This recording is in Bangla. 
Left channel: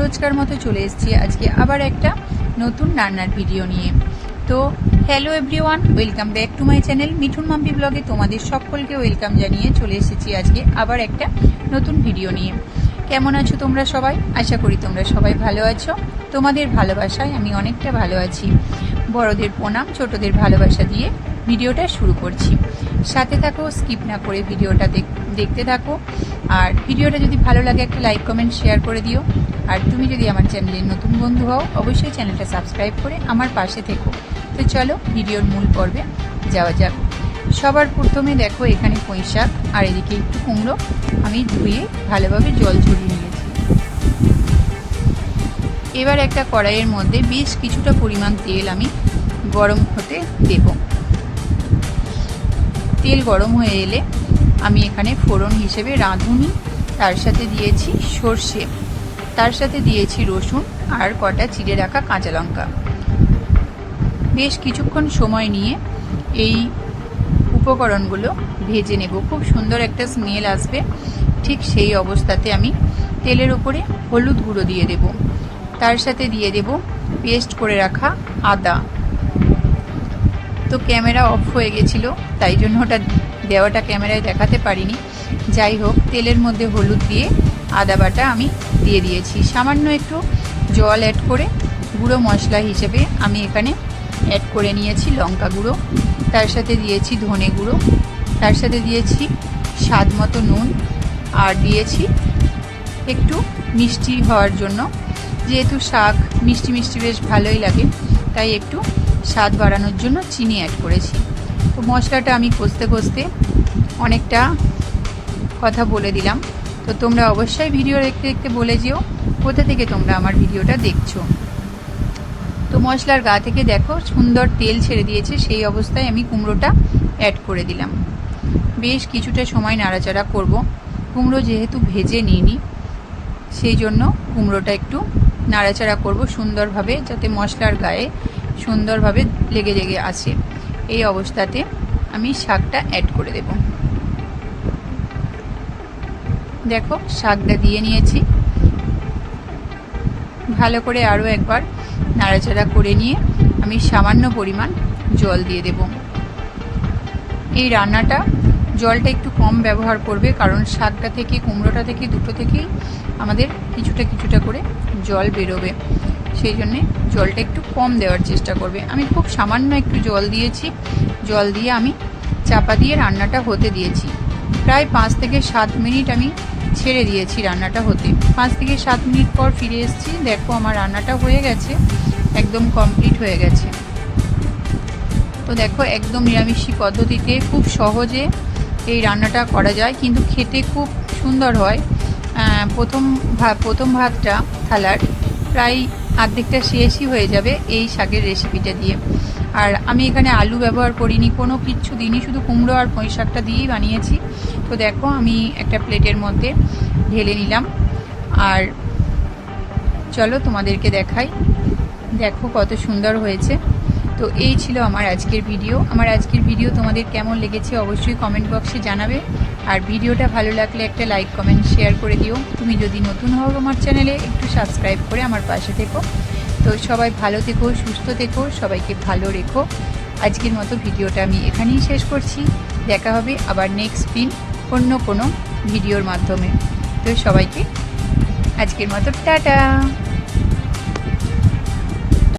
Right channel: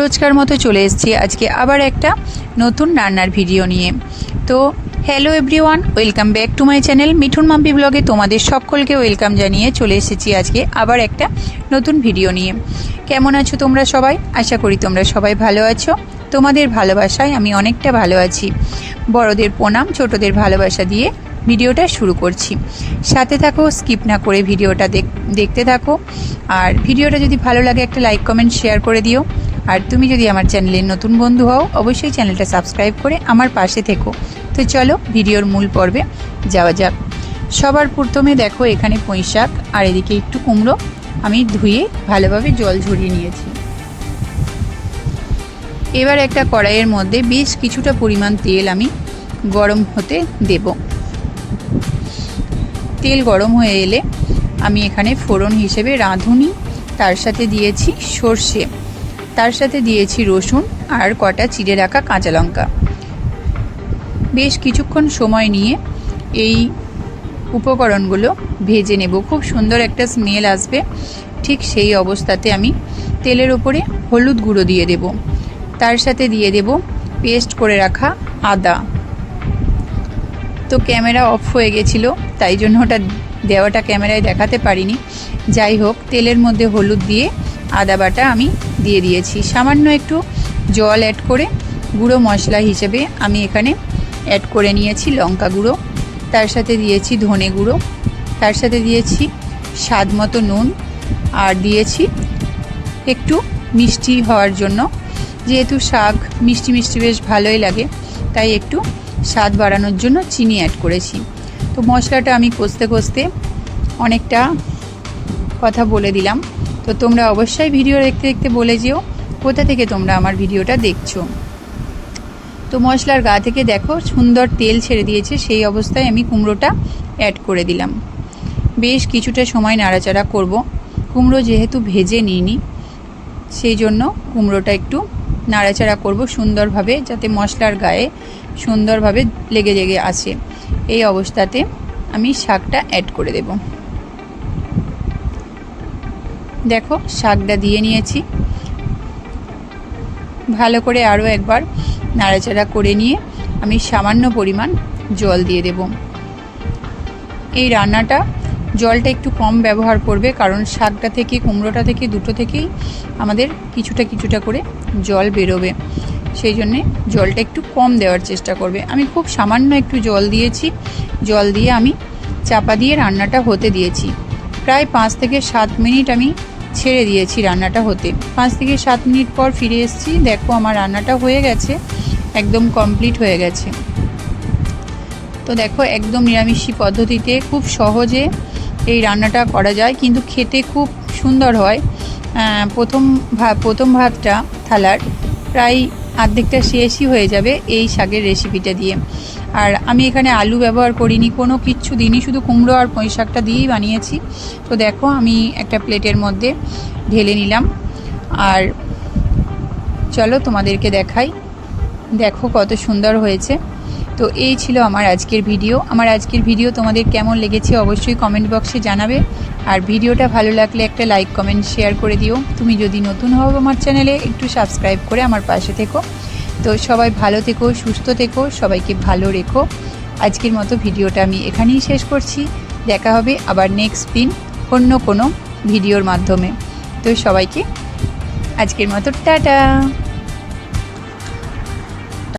রোজকার মতো চলে এসেছি আজকে আবার একটা নতুন রান্নার ভিডিও নিয়ে। তো hello everyone, welcome back to my channel Mithun Mampi ব্লগে তোমাদের সকলকে ওয়েলকাম জানিয়ে চলে এসেছি আজকে আবার একটা নতুন ভিডিও নিয়ে। কেমন আছো তোমরা সবাই? আশা করি তোমরা সবাই ভালো আছো। তোমাদের ভালোবাসায় আমি অনেকটা ভালো আছি। বড়দের প্রণাম, ছোটদের ভালোবাসা দিয়ে ভিডিওটা শুরু করছি। সাথে থাকো, স্কিপ না করে ভিডিওটা দেখতে থাকো। আর ভিডিওটা যদি ভালো লাগে একটা লাইক কমেন্ট শেয়ার করে দিও। আর তুমি যদি আমার চ্যানেলের নতুন বন্ধু হও অবশ্যই চ্যানেলটা সাবস্ক্রাইব করে আমার পাশে থেকো। তো চলো ভিডিওর মূল পর্বে যাওয়া যাক। সবার প্রথমে দেখো এখানে পুঁই শাক আর এদিকে একটু কুমড়ো আমি ধুয়ে ভালোভাবে জল ঝরিয়ে নিয়েছি। এবার একটা কড়াইয়ের মধ্যে বেশ কিছুটা পরিমাণ তেল আমি গরম হতে দেব। তেল গরম হয়ে এলে আমি এখানে ফোড়ন হিসেবে রাঁধুনি, তার সাথে দিয়েছি সর্ষে, তার সাথে দিয়েছি রসুন আর কটা চিড়ে রাখা কাঁচা লঙ্কা। বেশ কিছুক্ষণ সময় নিয়ে এই উপকরণগুলো ভেজে নেব। খুব সুন্দর একটা স্মেল আসবে। ঠিক সেই অবস্থাতে আমি তেলের ওপরে হলুদ গুঁড়ো দিয়ে দেব, তার সাথে দিয়ে দেব পেস্ট করে রাখা আদা। তো ক্যামেরা অফ হয়ে গেছিলো, তাই জন্য ওটা দেওয়াটা ক্যামেরায় দেখাতে পারিনি। যাই হোক, তেলের মধ্যে হলুদ দিয়ে আদা বাটা আমি দিয়ে দিয়েছি। সামান্য একটু জল অ্যাড করে গুঁড়ো মশলা হিসেবে আমি এখানে অ্যাড করে নিয়েছি লঙ্কা গুঁড়ো, তার সাথে দিয়েছি ধনে গুঁড়ো, তার সাথে দিয়েছি স্বাদ মতো নুন, আর দিয়েছি একটু মিষ্টি হওয়ার জন্য, যেহেতু শাক মিষ্টি মিষ্টি বেশ ভালোই লাগে, তাই একটু স্বাদ বাড়ানোর জন্য চিনি অ্যাড করেছি। তো মশলাটা আমি কষতে কষতে অনেকটা কথা বলে দিলাম। তো তোমরা অবশ্যই ভিডিও দেখতে দেখতে বলে যেও কোথা থেকে তোমরা আমার ভিডিওটা দেখছো। তো মশলার গা থেকে দেখো সুন্দর তেল ছেড়ে দিয়েছে, সেই অবস্থায় আমি কুমড়োটা অ্যাড করে দিলাম। বেশ কিছুটা সময় নাড়াচাড়া করব। কুমড়ো যেহেতু ভেজে নিইনি, সেই জন্য কুমড়োটা একটু নাড়াচাড়া করব সুন্দরভাবে, যাতে মশলার গায়ে সুন্দরভাবে লেগে আসে। এই অবস্থাতে আমি শাকটা অ্যাড করে দেব। দেখো শাকটা দিয়ে নিয়েছি। ভালো করে আরও একবার নাড়াচাড়া করে নিয়ে আমি সামান্য পরিমাণ জল দিয়ে দেব। এই রান্নাটা জলটা একটু কম ব্যবহার করবে, কারণ শাকটা থেকে কুমড়োটা থেকে দুটো থেকেই আমাদের কিছুটা কিছুটা করে জল বেরোবে, সেই জন্যে জলটা একটু কম দেওয়ার চেষ্টা করবে। আমি খুব সামান্য একটু জল দিয়েছি। জল দিয়ে আমি চাপা দিয়ে রান্নাটা হতে দিয়েছি। প্রায় 5 থেকে 7 মিনিট আমি ছেড়ে দিয়েছি রান্নাটা হতে। 5 থেকে 7 মিনিট পর ফিরে এসেছি। দেখো আমার রান্নাটা হয়ে গেছে, একদম কমপ্লিট হয়ে গেছে। তো দেখো একদম নিরামিষি পদ্ধতিতে খুব সহজে এই রান্নাটা করা যায়, কিন্তু খেতে খুব সুন্দর হয়। প্রথম ভাতটা থালার প্রায় অর্ধেকটা শেষই হয়ে যাবে এই শাকের রেসিপিটা দিয়ে। আর আমি এখানে আলু ব্যবহার করিনি, কোনো কিচ্ছু দিইনি, শুধু কুমড়ো আর পুঁই শাকটা দিয়েই বানিয়েছি। তো দেখো আমি একটা প্লেটের মধ্যে ঢেলে নিলাম। আর চলো তোমাদেরকে দেখাই, দেখো কত সুন্দর হয়েছে। তো এই ছিল আমার আজকের ভিডিও। আমার আজকের ভিডিও তোমাদের কেমন লেগেছে অবশ্যই কমেন্ট বক্সে জানাবে। আর ভিডিওটা ভালো লাগলে একটা লাইক কমেন্ট শেয়ার করে দিও। তুমি যদি নতুন হও আমার চ্যানেলে একটু সাবস্ক্রাইব করে আমার পাশে থেকো। তো সবাই ভালো থেকো, সুস্থ থেকো, সবাইকে ভালো রেখো। আজকের মতো ভিডিওটা আমি এখানেই শেষ করছি। দেখা হবে আবার নেক্সট দিন অন্য কোনো ভিডিওর মাধ্যমে। তো সবাইকে আজকের মতো টাটা।